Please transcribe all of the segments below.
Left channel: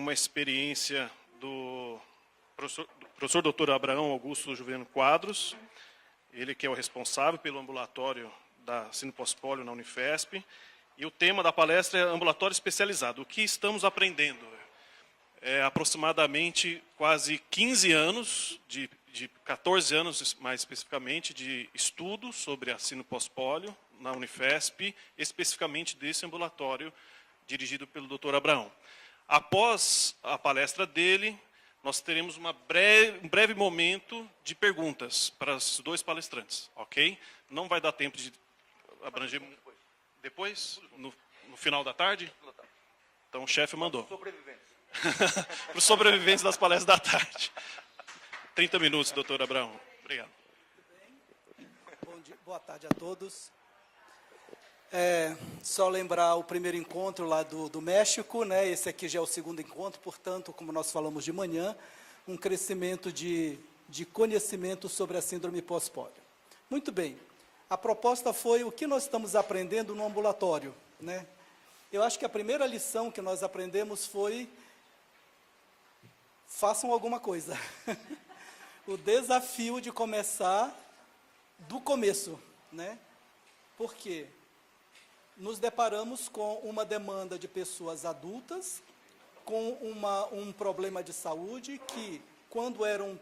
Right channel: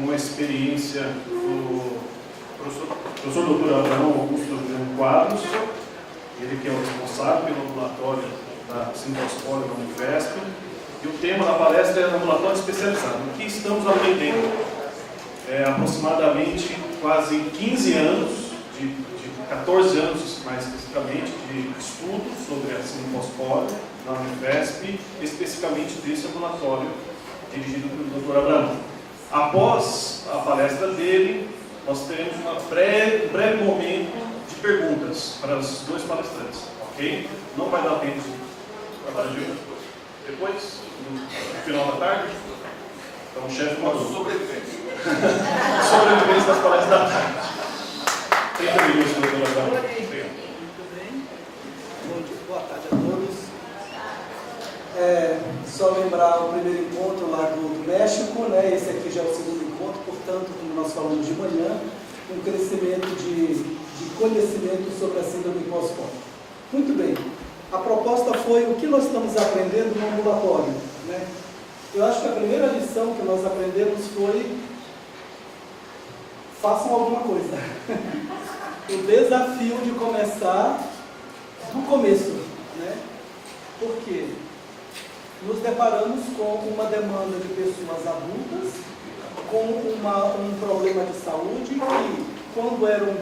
com a experiência do professor Dr. Abraão Augusto Juliano Quadros, ele que é o responsável pelo ambulatório da Sintospólio da Unifesp, e o tema da palestra é ambulatório especializado. O que estamos aprendendo? Aproximadamente quase 15 anos, de 14 anos mais especificamente, de estudo sobre a Sintospólio na Unifesp, especificamente desse ambulatório dirigido pelo Dr. Abraão. Após a palestra dele, nós teremos um breve momento de perguntas para os dois palestrantes, ok? Não vai dar tempo de abranger depois, no final da tarde. Então o chefe mandou. Sobreviventes das palestras da tarde. 30 minutos, doutor Abraão. Obrigado. Muito bem. Boa tarde a todos. Só lembrar o primeiro encontro lá do México, né? Esse aqui já é o segundo encontro, portanto, como nós falamos de manhã, um crescimento de conhecimento sobre a síndrome pós-pólio. Muito bem. A proposta foi o que nós estamos aprendendo no ambulatório, né? Eu acho que a primeira lição que nós aprendemos foi: façam alguma coisa. O desafio de começar do começo, né? Por quê? Nos deparamos com uma demanda de pessoas adultas com um problema de saúde que, quando eram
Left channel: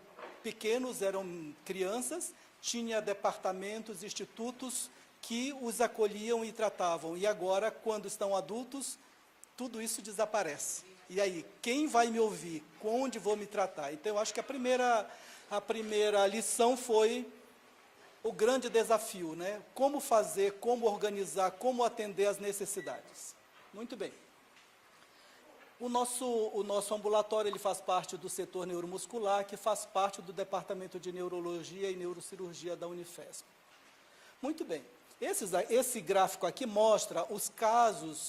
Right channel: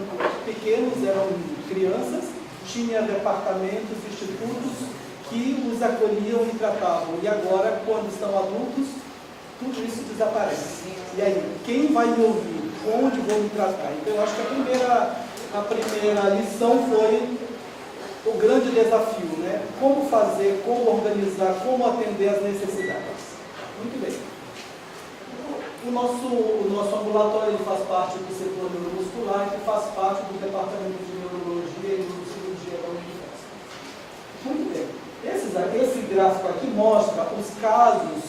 pequenos, eram crianças, tinha departamentos, institutos que os acolhiam e tratavam. E agora, quando estão adultos, tudo isso desaparece. E aí, quem vai me ouvir? Onde vou me tratar? Então, eu acho que a primeira lição foi o grande desafio, né? Como fazer, como organizar, como atender às necessidades. Muito bem. O nosso ambulatório ele faz parte do setor neuromuscular, que faz parte do departamento de neurologia e neurocirurgia da Unifesp. Muito bem. Esse gráfico aqui mostra os casos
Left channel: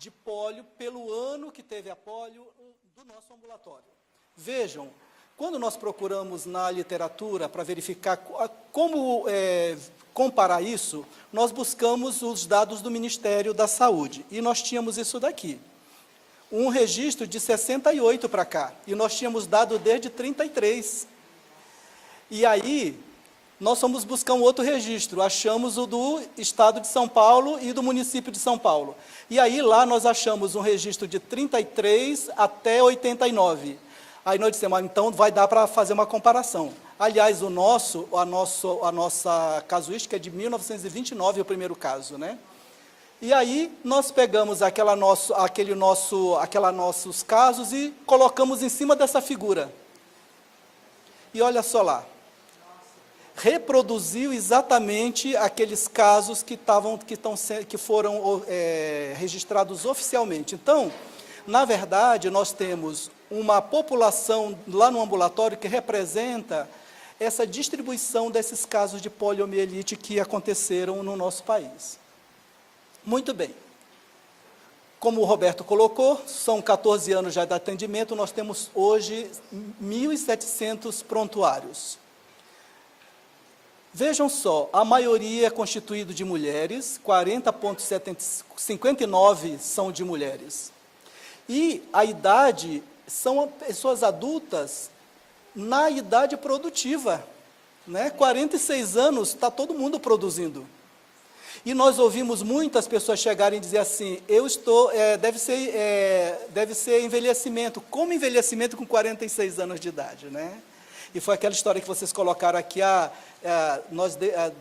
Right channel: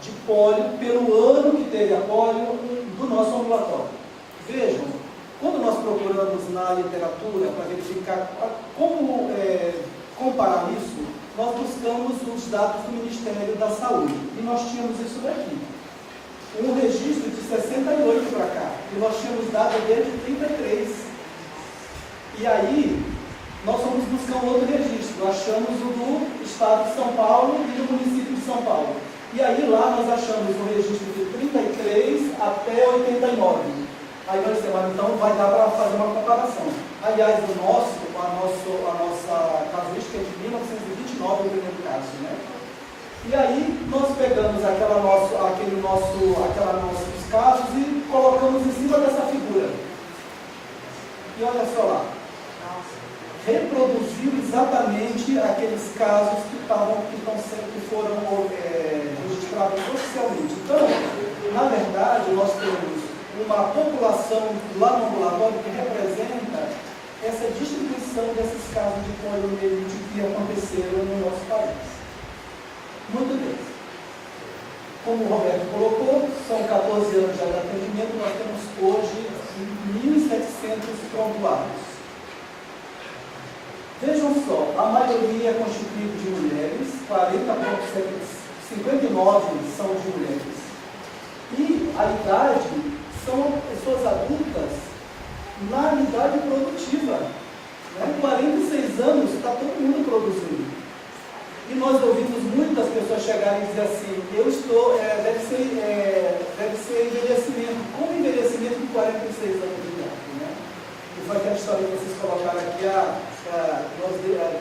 de pólio pelo ano que teve a pólio do nosso ambulatório. Vejam, quando nós procuramos na literatura para verificar como comparar isso, nós buscamos os dados do Ministério da Saúde. E nós tínhamos isso daqui. Um registro de 68 para cá. E nós tínhamos dado desde 33. E aí, nós fomos buscar um outro registro. Achamos o do Estado de São Paulo e do município de São Paulo. E aí, lá nós achamos um registro de 33 até 89. Aí nós dissemos, então vai dar para fazer uma comparação. Aliás, a nossa casuística é de 1929, é o primeiro caso, né? E aí nós pegamos aqueles nossos casos e colocamos em cima dessa figura. E olha só lá. Reproduziu exatamente aqueles casos que foram registrados oficialmente. Então, na verdade, nós temos uma população lá no ambulatório que representa essa distribuição desses casos de poliomielite que aconteceram no nosso país. Muito bem. Como o Roberto colocou, são 14 anos já de atendimento, nós temos hoje 1.700 prontuários. Vejam só, a maioria é constituída de mulheres, 40,59% são de mulheres. E a idade são pessoas adultas na idade produtiva, né? 46 anos, está todo mundo produzindo. E nós ouvimos muitas pessoas chegarem e dizer assim, deve ser envelhecimento. Como envelhecimento com 46 anos de idade, né? E foi aquela história que vocês colocaram aqui,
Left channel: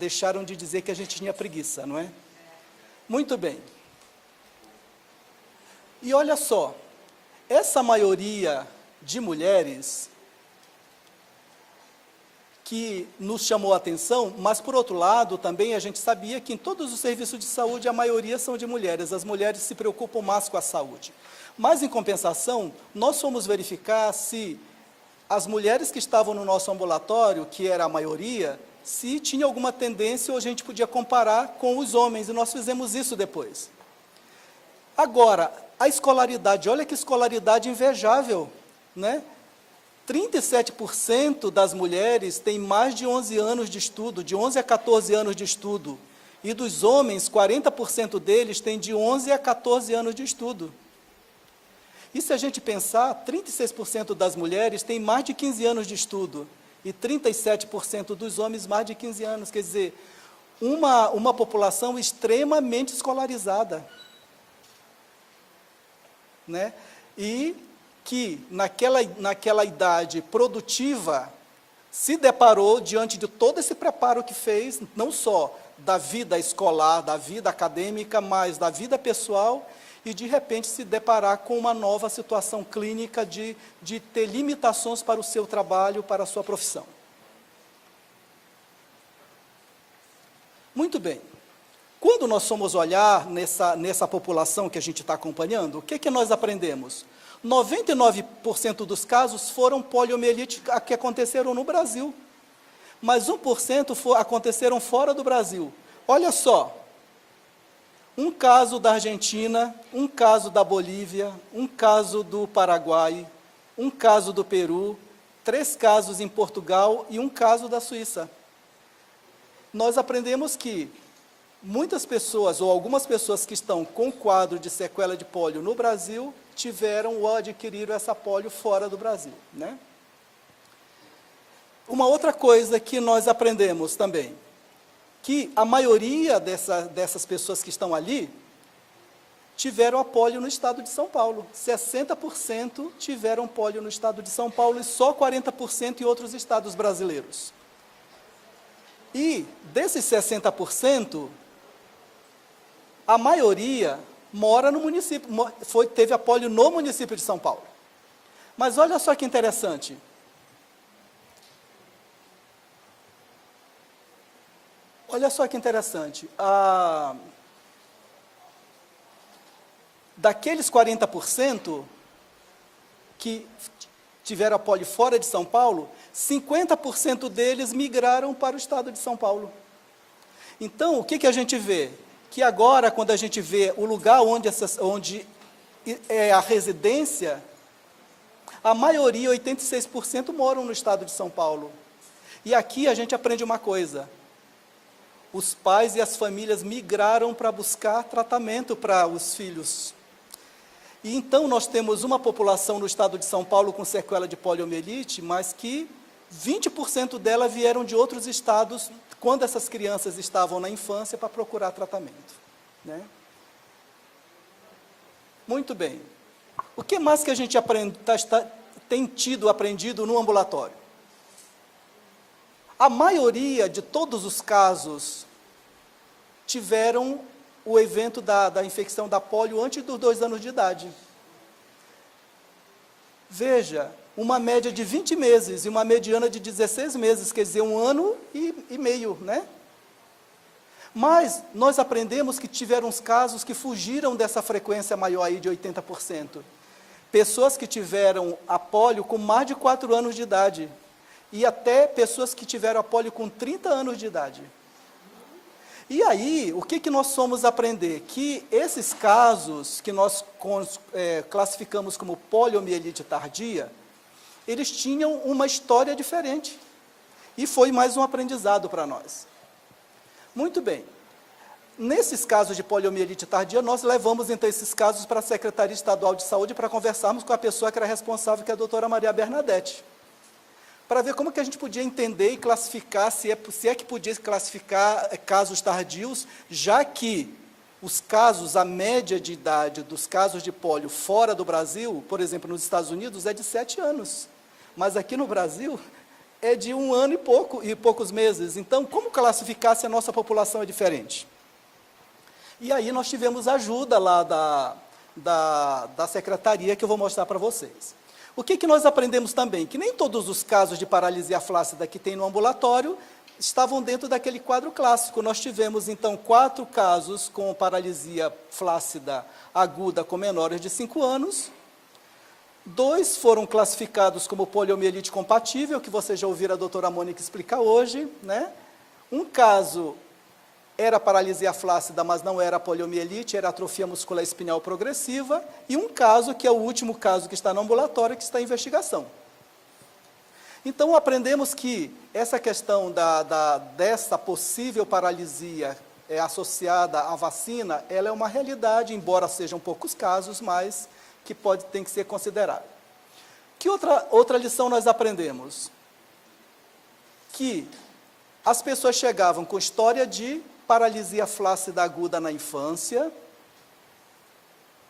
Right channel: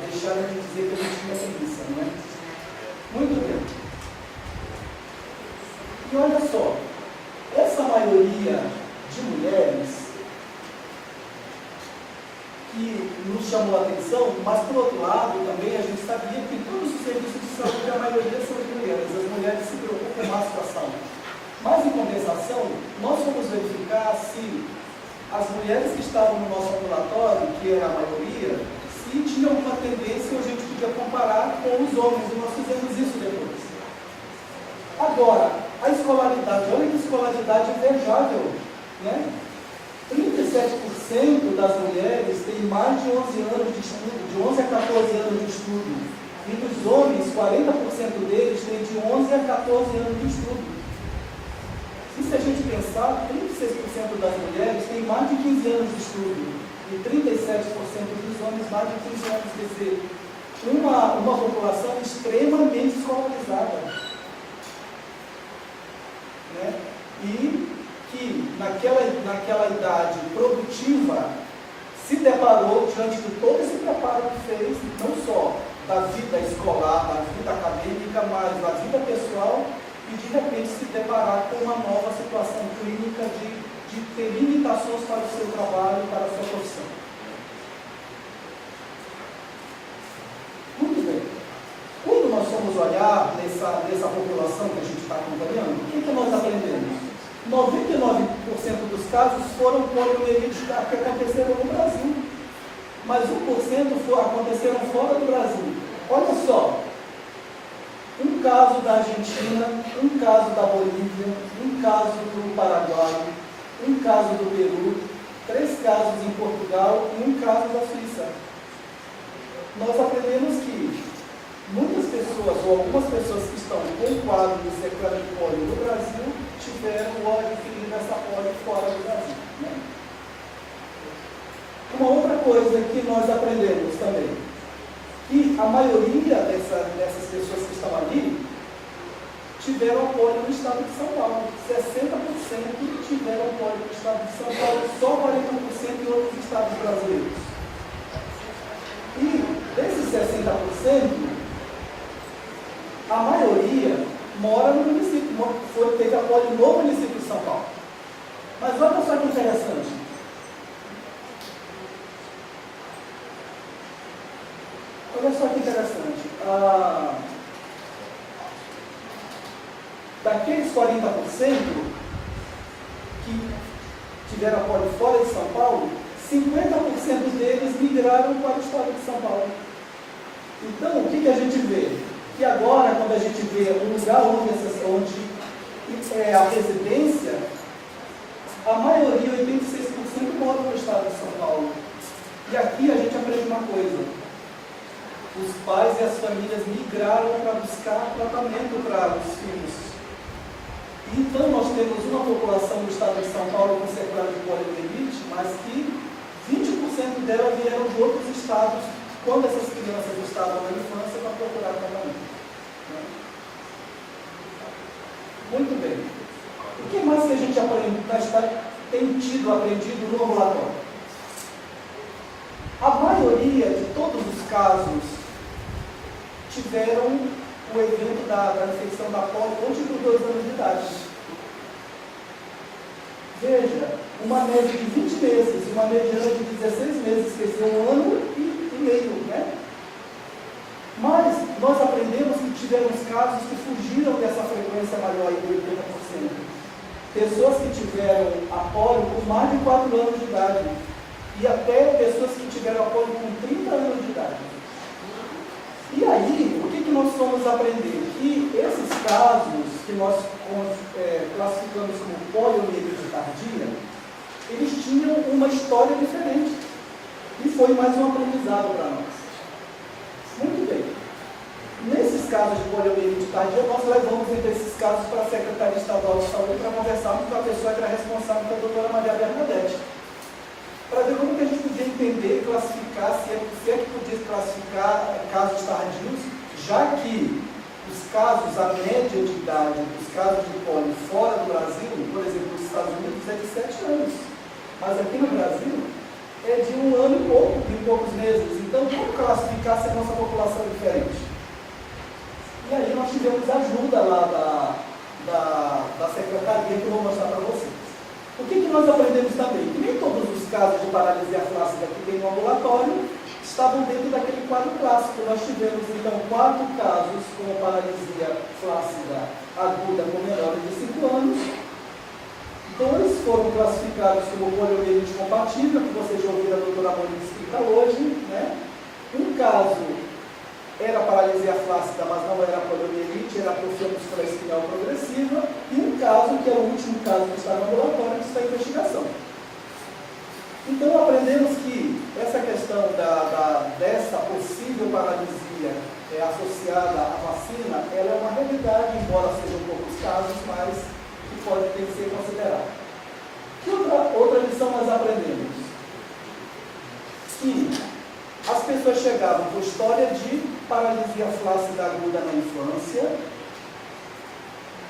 deixaram de dizer que a gente tinha preguiça, não é? Muito bem. E olha só, essa maioria de mulheres que nos chamou a atenção, mas por outro lado também a gente sabia que em todos os serviços de saúde a maioria são de mulheres, as mulheres se preocupam mais com a saúde. Mas em compensação, nós fomos verificar se as mulheres que estavam no nosso ambulatório, que era a maioria, se tinha alguma tendência ou a gente podia comparar com os homens, e nós fizemos isso depois. Agora, a escolaridade, olha que escolaridade invejável, né? 37% das mulheres têm mais de 11 anos de estudo, de 11 a 14 anos de estudo. E dos homens, 40% deles têm de 11 a 14 anos de estudo. E se a gente pensar, 36% das mulheres têm mais de 15 anos de estudo e 37% dos homens mais de 15 anos, quer dizer, uma população extremamente escolarizada, né? E que naquela idade produtiva se deparou diante de todo esse preparo que fez, não só da vida escolar, da vida acadêmica, mas da vida pessoal, e de repente se deparar com uma nova situação clínica de ter limitações para o seu trabalho, para a sua profissão. Muito bem. Quando nós fomos olhar nessa população que a gente está acompanhando, o que nós aprendemos? 99% dos casos foram poliomielite que aconteceram no Brasil, mas 1% aconteceram fora do Brasil. Olha só, um caso da Argentina, um caso da Bolívia, um caso do Paraguai, um caso do Peru, 3 casos em Portugal e um caso da Suíça. Nós aprendemos que muitas pessoas, ou algumas pessoas que estão com um quadro de sequela de pólio no Brasil, tiveram ou adquiriram essa pólio fora do Brasil, né? Uma outra coisa que nós aprendemos também, que a maioria dessas pessoas que estão ali, tiveram a pólio no estado de São Paulo. 60% tiveram pólio no estado de São Paulo, só 40% em outros estados brasileiros. E desses 60%, a maioria mora no município, teve a pólio no município de São Paulo. Mas olha só que interessante. Olha só que interessante. Daqueles 40% que tiveram a pólio fora de São Paulo, 50% deles migraram para o estado de São Paulo. Então, o que a gente vê? Que agora, quando a gente vê o lugar onde é a residência, a maioria, 86%, moram no estado de São Paulo. E aqui a gente aprende uma coisa: os pais e as famílias migraram para buscar tratamento para os filhos. E então nós temos uma população no estado de São Paulo com sequela de poliomielite, mas que 20% dela vieram de outros estados quando essas crianças estavam na infância para procurar tratamento. Muito bem. O que mais que a gente tem aprendido no ambulatório? A maioria de todos os casos tiveram o evento da infecção da polio antes dos 2 anos de idade. Veja, uma média de 20 meses e uma mediana de 16 meses, quer dizer, 1 ano e meio, né? Mas nós aprendemos que tiveram uns casos que fugiram dessa frequência maior aí de 80%. Pessoas que tiveram a polio com mais de 4 anos de idade e até pessoas que tiveram a polio com 30 anos de idade. E aí, o que nós fomos aprender? Que esses casos que nós classificamos como poliomielite tardia, eles tinham uma história diferente. E foi mais um aprendizado para nós. Muito bem. Nesses casos de poliomielite tardia, nós levamos então esses casos para a Secretaria Estadual de Saúde para conversarmos com a pessoa que era responsável, que é a doutora Maria Bernadette, para ver como que a gente podia entender e classificar, se é que podia classificar casos tardios, já que os casos, a média de idade dos casos de polio fora do Brasil, por exemplo, nos Estados Unidos, é de 7 anos. Mas aqui no Brasil é de 1 ano e poucos meses. Então, como classificar se a nossa população é diferente? E aí nós tivemos ajuda lá da secretaria, que eu vou mostrar para vocês. O que nós aprendemos também? Que nem todos os casos de paralisia flácida que tem no ambulatório estavam dentro daquele quadro clássico. Nós tivemos, então, 4 casos com paralisia flácida aguda com menores de 5 anos. 2 foram classificados como poliomielite compatível, que vocês já ouviram a doutora Mônica explicar hoje, né? Um caso era paralisia flácida, mas não era poliomielite, era atrofia muscular espinhal progressiva, e um caso, que é o último caso que está no ambulatório, que está em investigação. Então, aprendemos que essa questão dessa possível paralisia associada à vacina, ela é uma realidade, embora sejam poucos casos, mas que tem que ser considerado. Que outra lição nós aprendemos? Que as pessoas chegavam com história de paralisia flácida aguda na infância,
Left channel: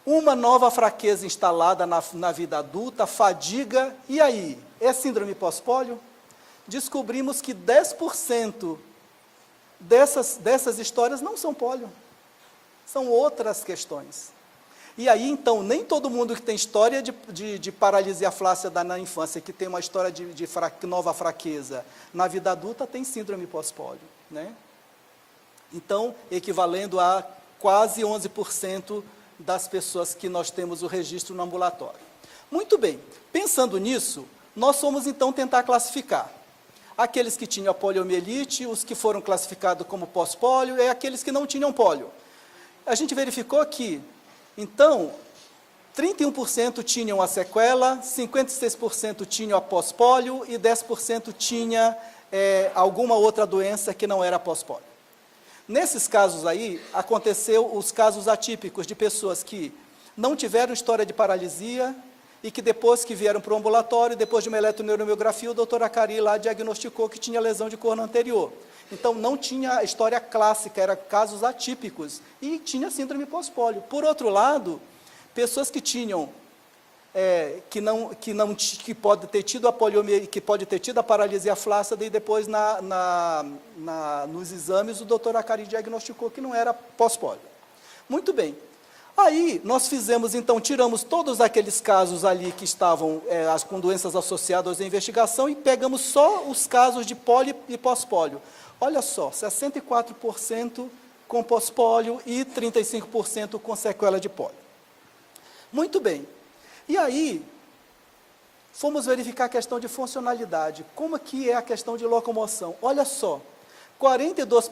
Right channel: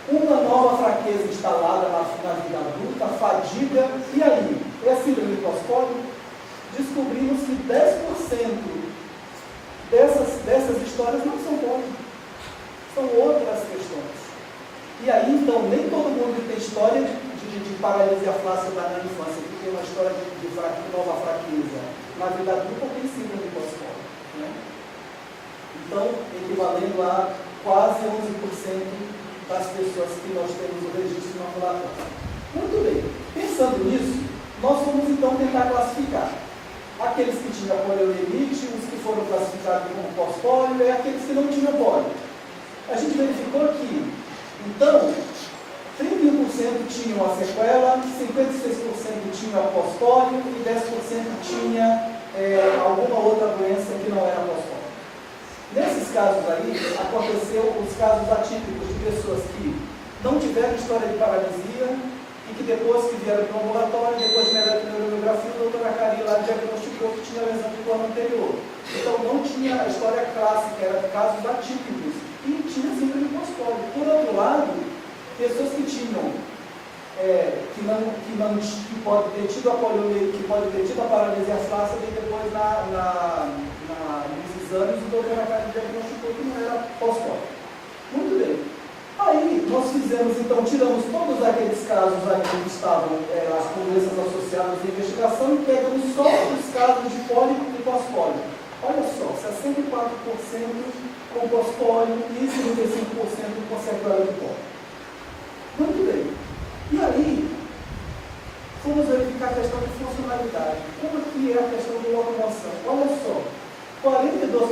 uma nova fraqueza instalada na vida adulta, fadiga, e aí? É síndrome pós-pólio? Descobrimos que 10% dessas histórias não são pólio, são outras questões. E aí, então, nem todo mundo que tem história de paralisia flácida na infância, que tem uma história de nova fraqueza na vida adulta, tem síndrome pós-pólio, né? Então, equivalendo a quase 11% das pessoas que nós temos o registro no ambulatório. Muito bem, pensando nisso, nós fomos então tentar classificar aqueles que tinham poliomielite, os que foram classificados como pós-pólio e aqueles que não tinham pólio. A gente verificou que, então, 31% tinham a sequela, 56% tinham a pós-pólio e 10% tinha alguma outra doença que não era pós-pólio. Nesses casos aí, aconteceu os casos atípicos de pessoas que não tiveram história de paralisia e que depois que vieram para o ambulatório, depois de uma eletromiografia, o doutor Acari lá diagnosticou que tinha lesão de corno anterior. Então não tinha a história clássica, eram casos atípicos e tinha síndrome pós-pólio. Por outro lado, pessoas que tinham, que pode ter tido a poliomielite, que pode ter tido a paralisia flácida e depois nos exames o doutor Acari diagnosticou que não era pós-pólio. Muito bem. Aí nós fizemos, então, tiramos todos aqueles casos ali que estavam com doenças associadas à investigação e pegamos só os casos de pólio e pós-pólio. Olha só, 64% com pós-pólio e 35% com sequela de pólio. Muito bem. E aí, fomos verificar a questão de funcionalidade. Como que é a questão de locomoção? Olha só, 42%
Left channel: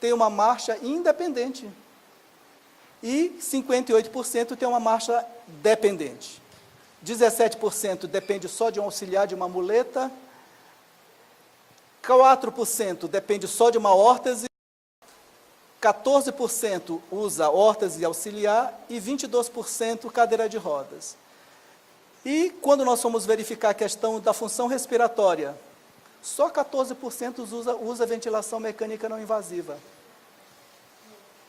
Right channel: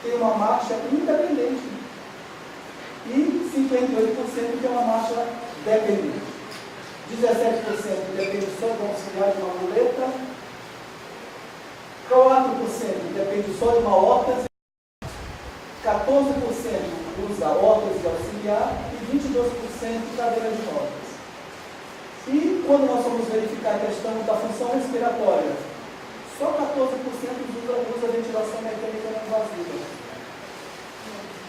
tem uma marcha independente e 58% tem uma marcha dependente. 17% depende só de um auxiliar de uma muleta, 4% depende só de uma órtese, 14% usa órtese auxiliar e 22% cadeira de rodas. E quando nós fomos verificar a questão da função respiratória, só 14% usa ventilação mecânica não invasiva.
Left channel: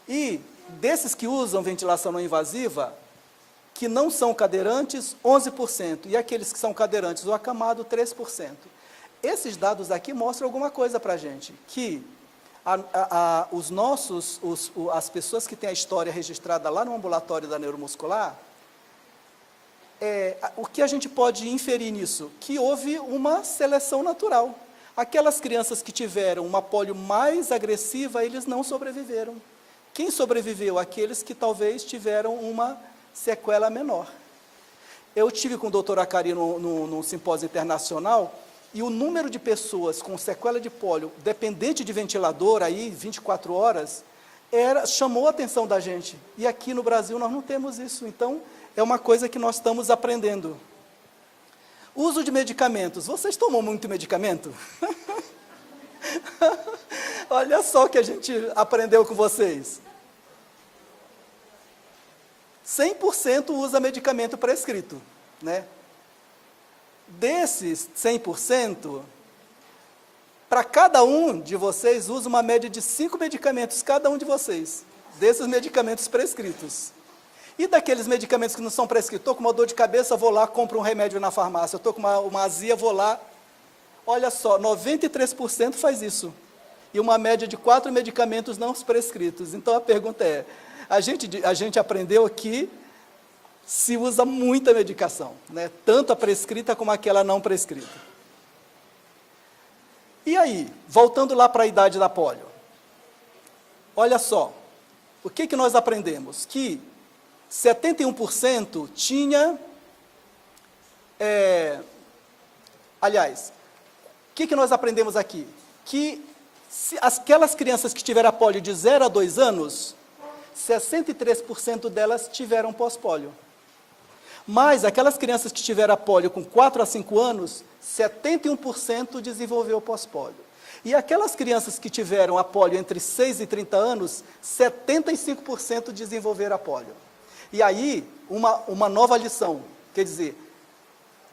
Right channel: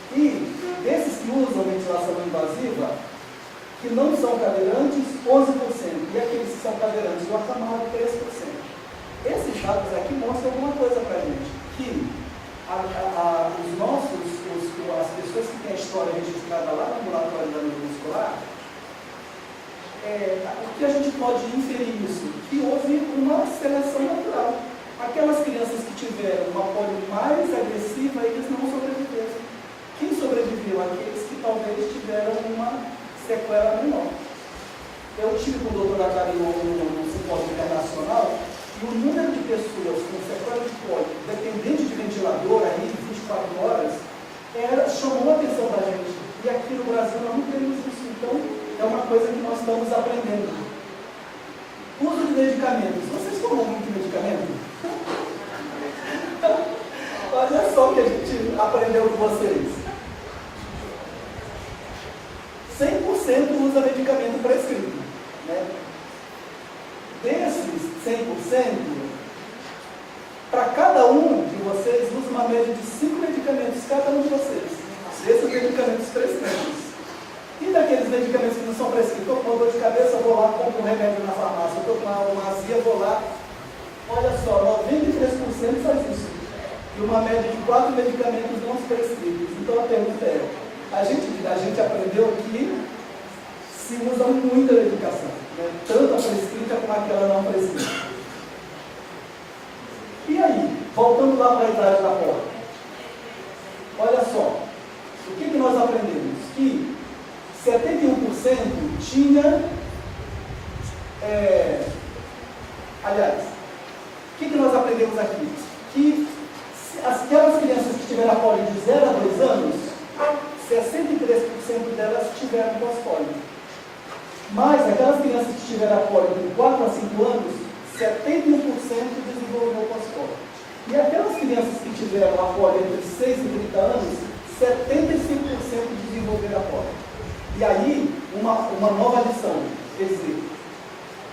E desses que usam ventilação não invasiva, que não são cadeirantes, 11%. E aqueles que são cadeirantes ou acamados, 3%. Esses dados aqui mostram alguma coisa para a gente. Que as pessoas que têm a história registrada lá no ambulatório da neuromuscular, o que a gente pode inferir nisso? Que houve uma seleção natural. Aquelas crianças que tiveram uma polio mais agressiva, eles não sobreviveram. Quem sobreviveu? Aqueles que talvez tiveram uma sequela menor. Eu estive com o doutor Acari no simpósio internacional e o número de pessoas com sequela de pólio, dependente de ventilador, aí 24 horas, chamou a atenção da gente. E aqui no Brasil nós não temos isso, então é uma coisa que nós estamos aprendendo. Uso de medicamentos. Vocês tomam muito medicamento? Olha só o que a gente aprendeu com vocês. 100% usa medicamento prescrito, né? Desses 100%, para cada um de vocês, usa uma média de 5 medicamentos, cada um de vocês, desses medicamentos prescritos. E daqueles medicamentos que não são prescritos? Estou com uma dor de cabeça, vou lá, compro um remédio na farmácia. Estou com uma azia, vou lá. Olha só, 93% faz isso. E uma média de 4 medicamentos não prescritos. Então a pergunta é, a gente aprendeu aqui, se usa muita medicação, né? Tanto a prescrita como aquela não prescrita. E aí, voltando lá para a idade da polio. Olha só, o que nós aprendemos? Que 71% tinha, o que nós aprendemos aqui? Que aquelas crianças que tiveram a polio de 0 a 2 anos, 63% delas tiveram pós-polio. Mas aquelas crianças que tiveram a polio com 4 a 5 anos, 71% desenvolveu pós-polio. E aquelas crianças que tiveram a polio entre 6 e 30 anos, 75% desenvolveram a polio. E aí, uma nova lição, quer dizer,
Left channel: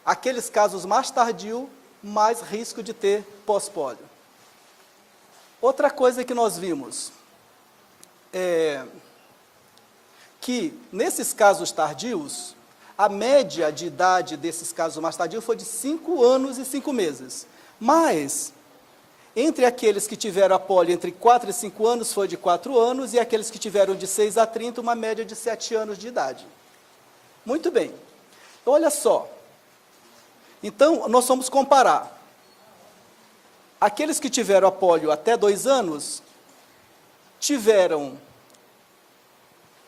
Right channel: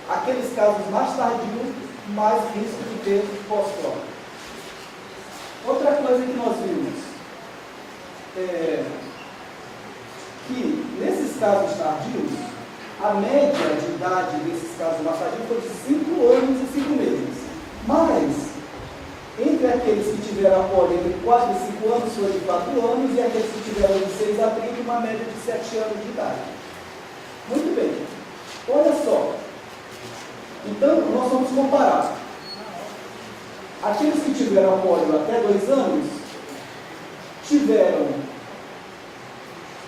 aqueles casos mais tardios, mais risco de ter pós-pólio. Outra coisa que nós vimos é que nesses casos tardios, a média de idade desses casos mais tardios foi de 5 anos e 5 meses. Mas, entre aqueles que tiveram a pólio entre 4 e 5 anos, foi de 4 anos, e aqueles que tiveram de 6 a 30, uma média de 7 anos de idade. Muito bem. Olha só. Então, nós vamos comparar. Aqueles que tiveram a pólio até 2 anos, tiveram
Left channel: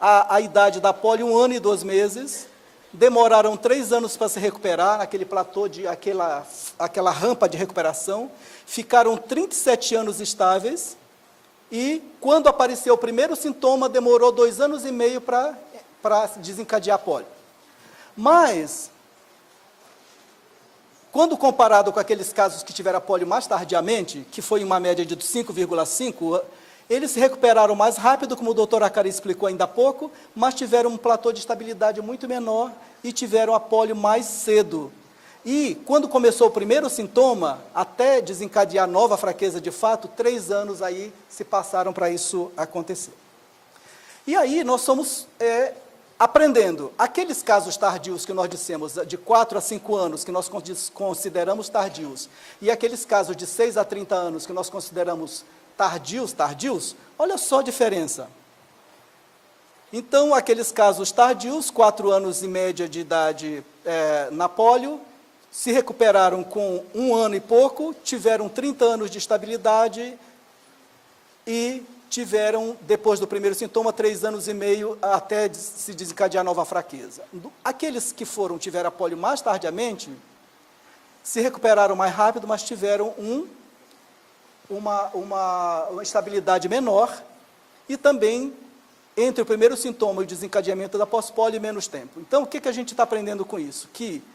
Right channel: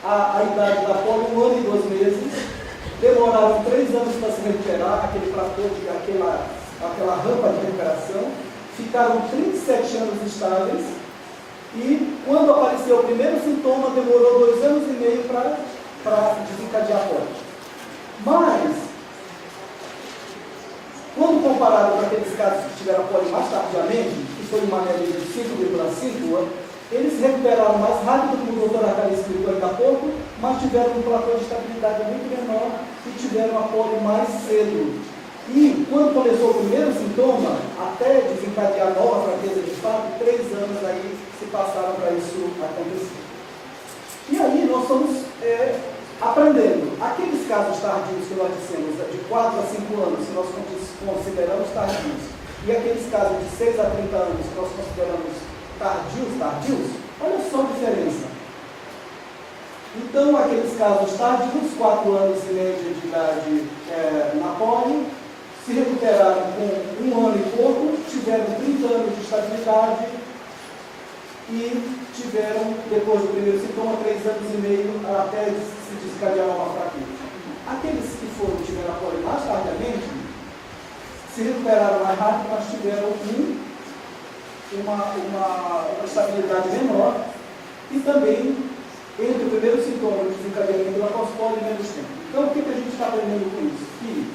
a idade da pólio 1 ano e 2 meses, demoraram 3 anos para se recuperar, naquele platô, aquela rampa de recuperação, ficaram 37 anos estáveis, e quando apareceu o primeiro sintoma, demorou 2 anos e meio para desencadear a pólio. Mas, quando comparado com aqueles casos que tiveram a pólio mais tardiamente, que foi uma média de 5,5, eles se recuperaram mais rápido, como o doutor Acari explicou ainda há pouco, mas tiveram um platô de estabilidade muito menor e tiveram a pólio mais cedo. E quando começou o primeiro sintoma, até desencadear nova fraqueza de fato, 3 anos aí se passaram para isso acontecer. E aí nós estamos aprendendo. Aqueles casos tardios que nós dissemos, de 4 a 5 anos, que nós consideramos tardios, e aqueles casos de 6 a 30 anos, que nós consideramos tardios, olha só a diferença. Então, aqueles casos tardios, 4 anos e média de idade na pólio, se recuperaram com 1 ano e pouco, tiveram 30 anos de estabilidade e tiveram, depois do primeiro sintoma, 3 anos e meio até se desencadear nova fraqueza. Aqueles que tiveram a pólio mais tardiamente, se recuperaram mais rápido, mas tiveram uma estabilidade menor e também, entre o primeiro sintoma e o desencadeamento da pós-pólio, menos tempo. Então, o que a gente está aprendendo com isso? Que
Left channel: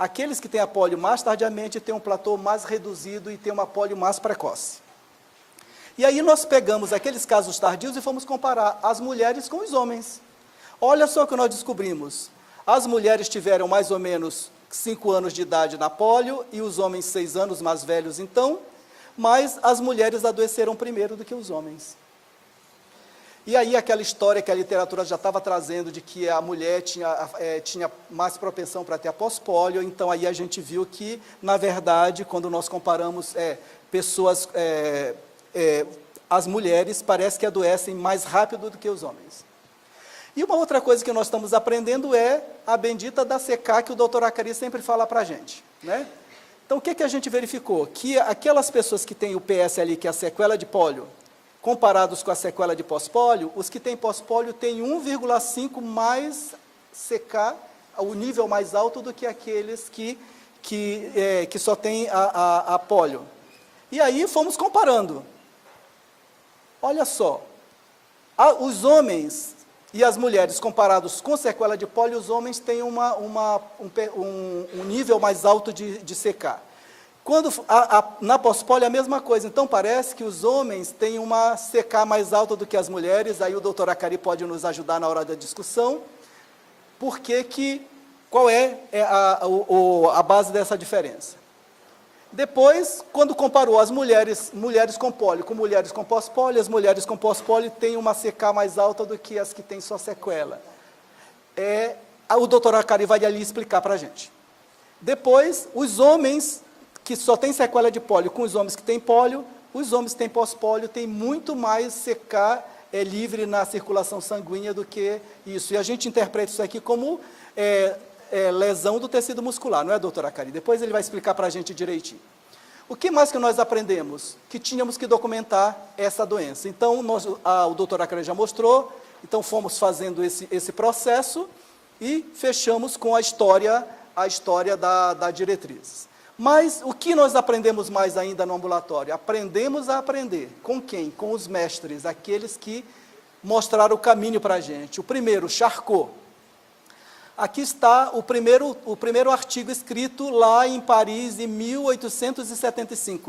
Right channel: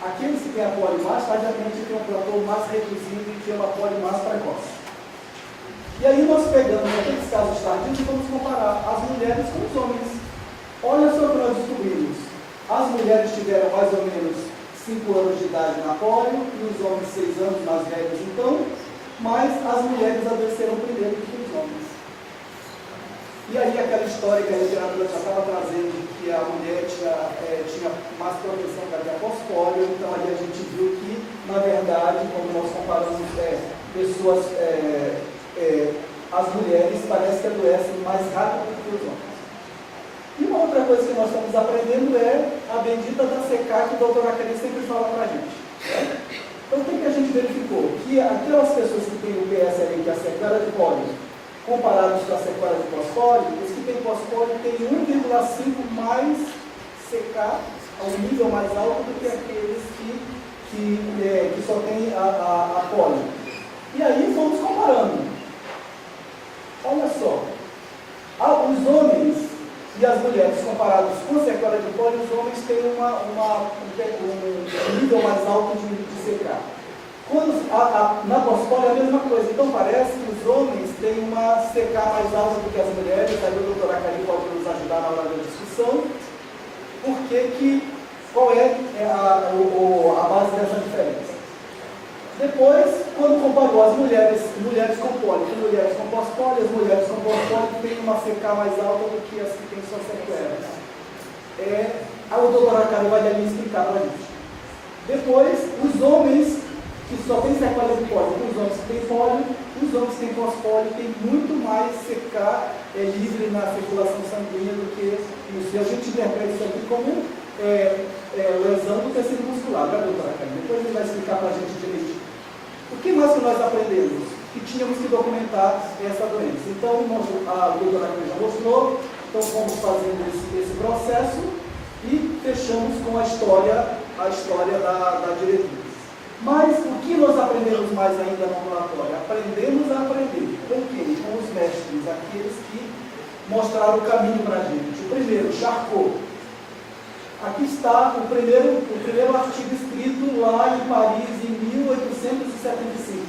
aqueles que têm a pólio mais tardiamente têm um platô mais reduzido e têm uma pólio mais precoce. E aí nós pegamos aqueles casos tardios e fomos comparar as mulheres com os homens. Olha só o que nós descobrimos. As mulheres tiveram mais ou menos 5 anos de idade na pólio e os homens 6 anos mais velhos então, mas as mulheres adoeceram primeiro do que os homens. E aí aquela história que a literatura já estava trazendo de que a mulher tinha mais propensão para ter a pós-pólio, então aí a gente viu que, na verdade, quando nós comparamos pessoas, as mulheres parece que adoecem mais rápido do que os homens. E uma outra coisa que nós estamos aprendendo é a bendita da CK que o doutor Acari sempre fala para a gente, né? Então, o que a gente verificou? Que aquelas pessoas que têm o PSLE, que é a sequela de pólio, comparados com a sequela de pós-pólio, os que têm pós-pólio têm 1,5 mais CK, um nível mais alto do que aqueles que só têm a pólio. E aí fomos comparando. Olha só, os homens e as mulheres comparados com sequela de pólio, os homens têm um nível mais alto de CK. Na pós-pólio é a mesma coisa, então parece que os homens têm uma CK mais alta do que as mulheres, aí o doutor Acari pode nos ajudar na hora da discussão, qual é a base dessa diferença. Depois, quando comparou as mulheres com pólio com mulheres com pós-pólio, as mulheres com pós-pólio têm uma CK mais alta do que as que têm só sequela. O doutor Acari vai ali explicar para a gente. Depois, os homens que só têm sequela de pólio com os homens que têm pólio, os homens que têm pós-pólio têm muito mais CK livre na circulação sanguínea do que isso. E a gente interpreta isso aqui como lesão do tecido muscular, não é, doutora Acari? Depois ele vai explicar para a gente direitinho. O que mais que nós aprendemos? Que tínhamos que documentar essa doença. Então, o doutor Acari já mostrou, então fomos fazendo esse processo e fechamos com a história da diretriz. Mas o que nós aprendemos mais ainda no ambulatório? Aprendemos a aprender. Com quem? Com os mestres, aqueles que mostraram o caminho para a gente. O primeiro, Charcot. Aqui está o primeiro artigo escrito lá em Paris, em 1875.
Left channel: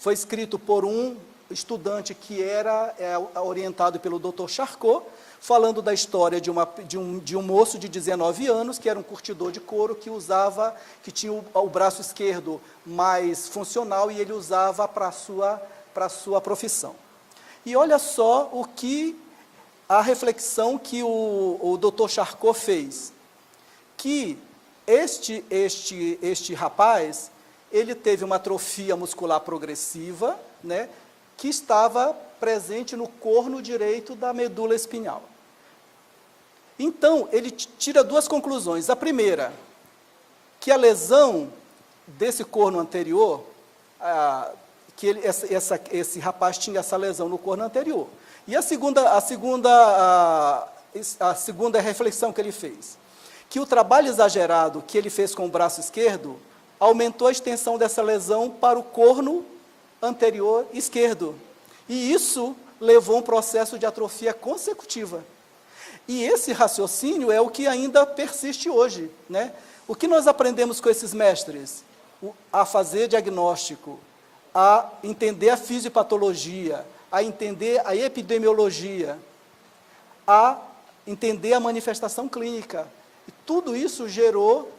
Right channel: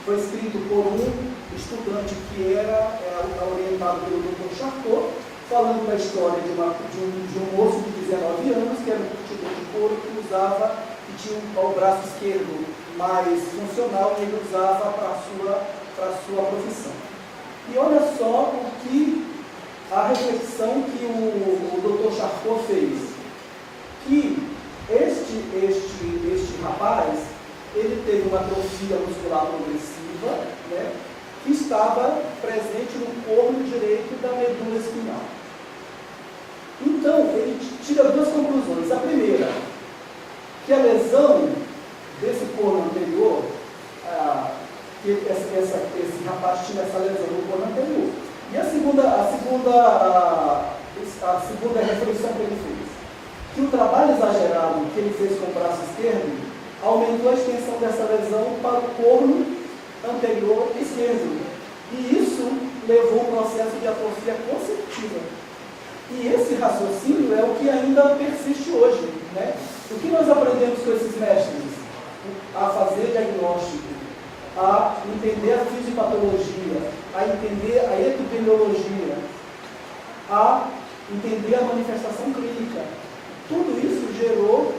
Foi escrito por um estudante que era orientado pelo Dr. Charcot, falando da história de um moço de 19 anos, que era um curtidor de couro, que tinha o braço esquerdo mais funcional e ele usava para a sua profissão. E olha só a reflexão que o Dr. Charcot fez, que este rapaz, ele teve uma atrofia muscular progressiva, né, que estava presente no corno direito da medula espinhal. Então, ele tira duas conclusões. A primeira, que a lesão desse corno anterior, que esse rapaz tinha essa lesão no corno anterior. E a segunda reflexão que ele fez, que o trabalho exagerado que ele fez com o braço esquerdo aumentou a extensão dessa lesão para o corno anterior esquerdo. E isso levou a um processo de atrofia consecutiva. E esse raciocínio é o que ainda persiste hoje, né? O que nós aprendemos com esses mestres? A fazer diagnóstico, a entender a fisiopatologia, a entender a epidemiologia, a entender a manifestação clínica. Tudo isso gerou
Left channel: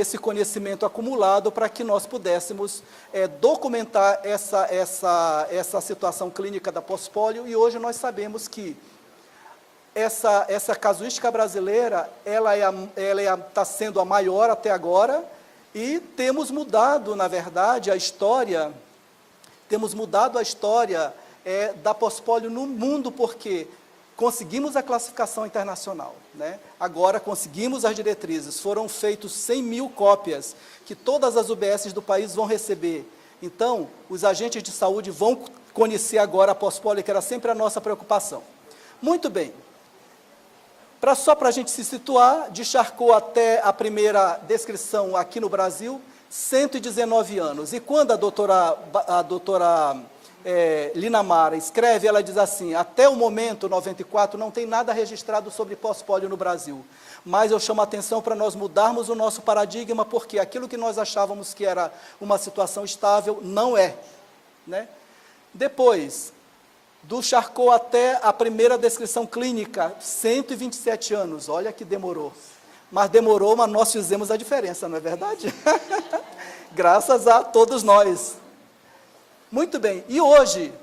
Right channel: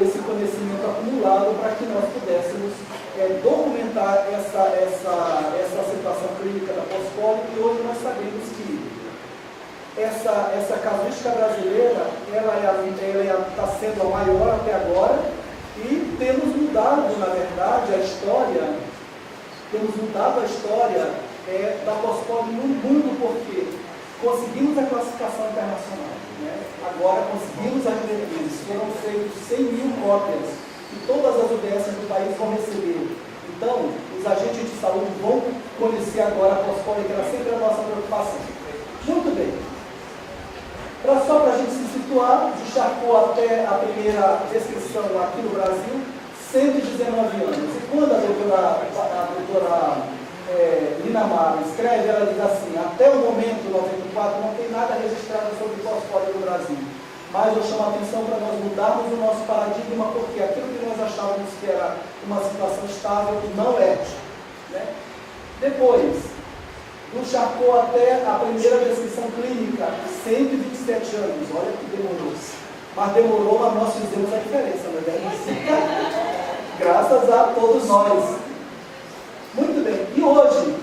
esse conhecimento acumulado para que nós pudéssemos documentar essa situação clínica da pós-polio, e hoje nós sabemos que essa casuística brasileira, ela está sendo a maior até agora, e temos mudado, na verdade, a história da pós-polio no mundo, porque conseguimos a classificação internacional, né? Agora conseguimos as diretrizes, foram feitas 100 mil cópias, que todas as UBSs do país vão receber. Então, os agentes de saúde vão conhecer agora a pós-polio, que era sempre a nossa preocupação. Muito bem. Só para a gente se situar, de Charcot até a primeira descrição aqui no Brasil, 119 anos. E quando a doutora Linamar escreve, ela diz assim: até o momento, 94, não tem nada registrado sobre pós-polio no Brasil. Mas eu chamo a atenção para nós mudarmos o nosso paradigma, porque aquilo que nós achávamos que era uma situação estável, não é, né? Depois, do Charcot até a primeira descrição clínica, 127 anos, olha que demorou. Mas demorou, mas nós fizemos a diferença, não é verdade? Graças a todos nós. Muito bem, e hoje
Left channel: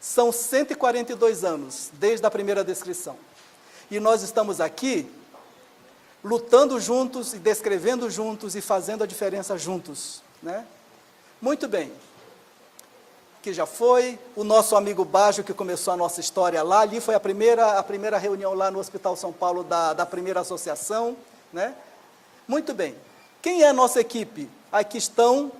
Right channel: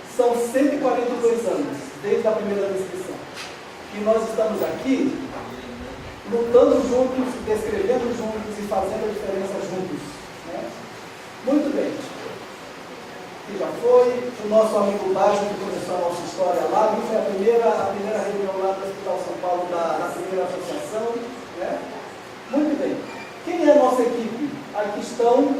são 142 anos, desde a primeira descrição. E nós estamos aqui, lutando juntos, descrevendo juntos e fazendo a diferença juntos, né? Muito bem. Que já foi, o nosso amigo Bajo, que começou a nossa história lá, ali foi a primeira reunião lá no Hospital São Paulo, da primeira associação, né? Muito bem. Quem é a nossa equipe? Aqui estão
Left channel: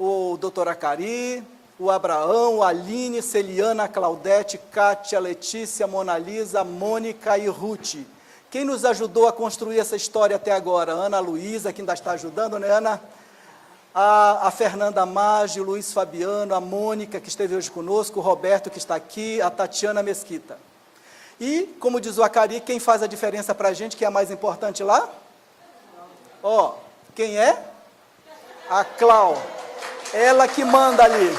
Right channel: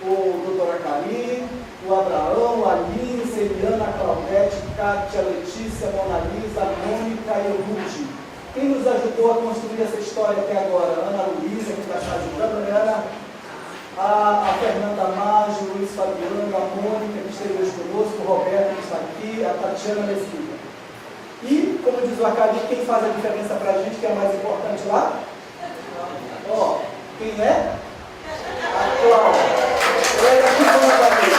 o doutor Acari, o Abraão, a Aline, Celiana, a Claudete, Kátia, Letícia, Mona Lisa, Mônica e Ruth. Quem nos ajudou a construir essa história até agora? Ana Luísa, que está ajudando, né, Ana? A Fernanda Maggi, o Luiz Fabiano, a Mônica, que esteve hoje conosco, o Roberto, que está aqui, a Tatiana Mesquita. E, como diz o Acari, quem faz a diferença para a gente, que é a mais importante lá? Ó, quem é? A Cláudia. Ela que manda ali.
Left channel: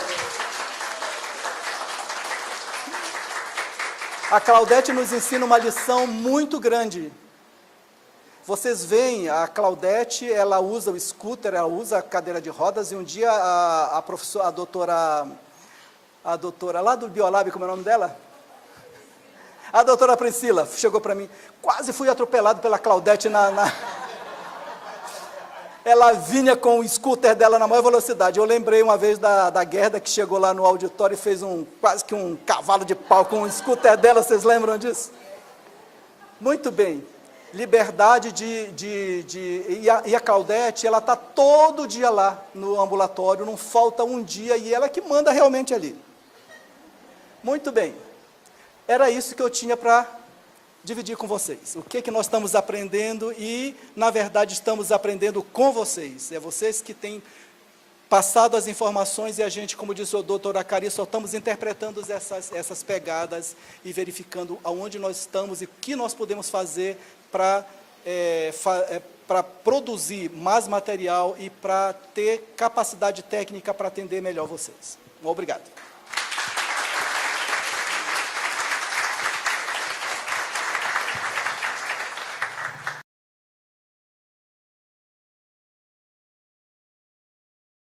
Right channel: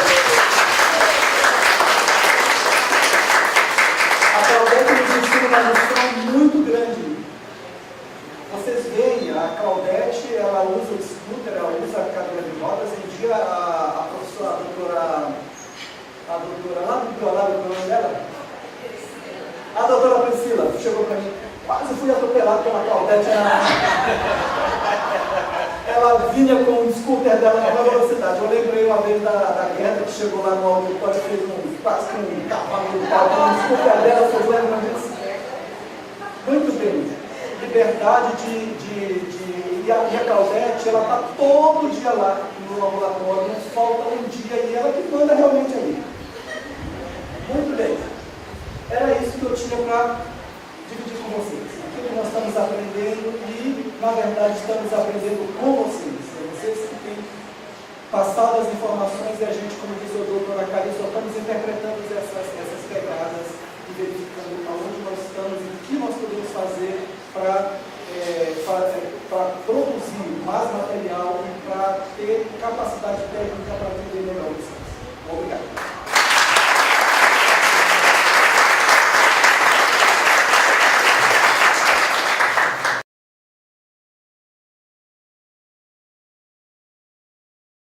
A Claudete nos ensina uma lição muito grande. Vocês veem, a Claudete, ela usa o scooter, ela usa a cadeira de rodas, e um dia a professora, a doutora lá do Biolab, como é o nome dela? A doutora Priscila chegou para mim, quase fui atropelado pela Claudete ela vinha com o scooter dela na maior velocidade. Eu lembrei uma vez da Gerda, que chegou lá no auditório e fez quase que um cavalo de pau com o scooter dela, vocês lembram disso? Muito bem. Liberdade e a Claudete, ela está todo dia lá no ambulatório, não falta um dia, e ela que manda realmente ali. Muito bem. Era isso que eu tinha para dividir com vocês. O que nós estamos aprendendo e, na verdade, estamos aprendendo com vocês. É vocês que têm passado as informações e a gente, como disse o doutor Acari, só estamos interpretando essas pegadas e verificando aonde nós estamos e o que nós podemos fazer para produzir mais material e para ter capacidade técnica para atender melhor vocês. Obrigado.